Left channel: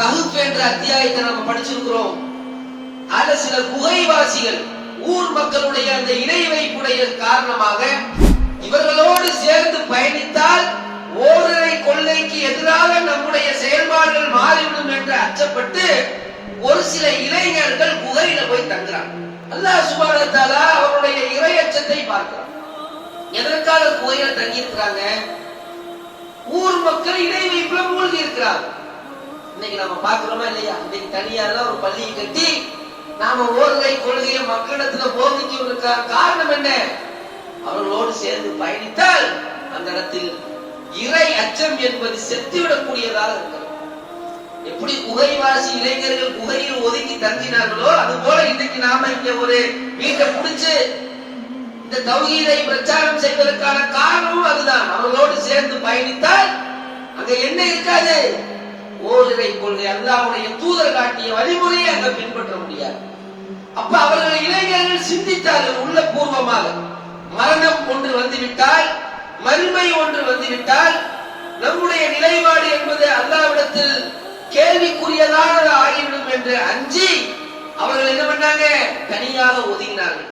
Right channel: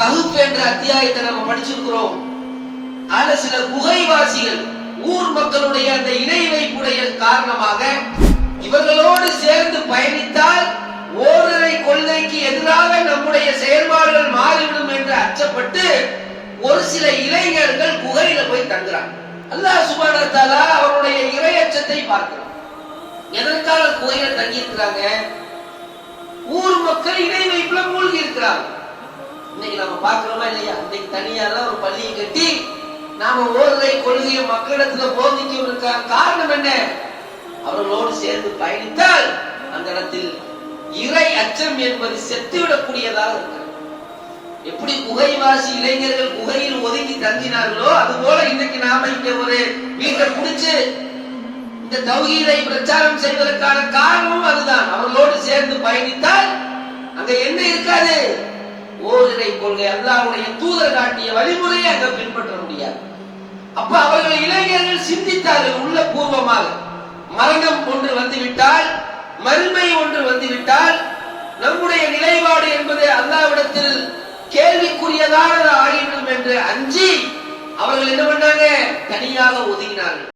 கஹுப் என்ற அத்தியாயத்தை நம்ம படிச்சிருக்கிறோம். அதுல சில குகைவாசிகள் ஊர் மக்களுடைய அந்த இணை வைப்புடைய காரணமாக இவர்களோடு சேர்ந்து பயணித்தால் ஓரரை கொள்ளைக்கு எதிராக நம்முடைய செயல்பாடுகள் மாறிவிடும் என்று அச்சப்பட்டு ஒரு சில இளைஞர்கள் குகையில போய் தங்குறாங்க. அல்லாஹ் சுபான அவருடைய இரையச்சத்தை பார்க்கிறான். எதற்காக குகையில தங்கி இருக்கிறாங்க ஊர் மக்கள் இணை வைப்புல இன்னைக்கு நம்ம பாக்குறோமா இல்லையா? இன்னைக்கு தனியா தான் ஒரு பள்ளியை கட்டி நாம ஓதுரை கொள்கையை மக்களிடத்துல போதிச்சு காரணம் என்ன? அவர்களோடு சேர்ந்து பயணித்தால் அந்த இடத்தில் இறை அச்சம் என்பது செத்துவிடக்கூடியதாக இருக்கிறது. எப்படி குகைவாசி இளைஞர்கள் குகையில் ஒதுங்கி தங்கினார்களோ அது போல இன்னைக்கு நாம இங்க ஒரு வீட்டை புடிச்சு இந்த தௌகீதை பிரச்சாரம் செய்வதற்கான காரணமும் அதுதான். அவர்களோடு சேர்ந்து பயணித்தால் அங்க என்ன இருக்காது? கொள்கை அல்லாஹ்வுடைய தூதர் காட்டிய வழிமுறையை அங்க பின்பற்ற முடியாது. அப்ப அவர்கள் இளைஞர்கள் சிந்தித்தார்கள் உள்ள பூர்வமாக மரணம் ஒன்று வந்துவிட்டால் மறுமை ஒன்று வந்துவிட்டால் நம்முடைய நிலைப்பாடு என்பது அல்லாவிடத்தில் கேள்விக்குரியதாக ஆகிவிடும் என்று அஞ்சி அவர்கள் என்ன பண்ணாங்க? தனியாக ஒதுங்கினார்கள்.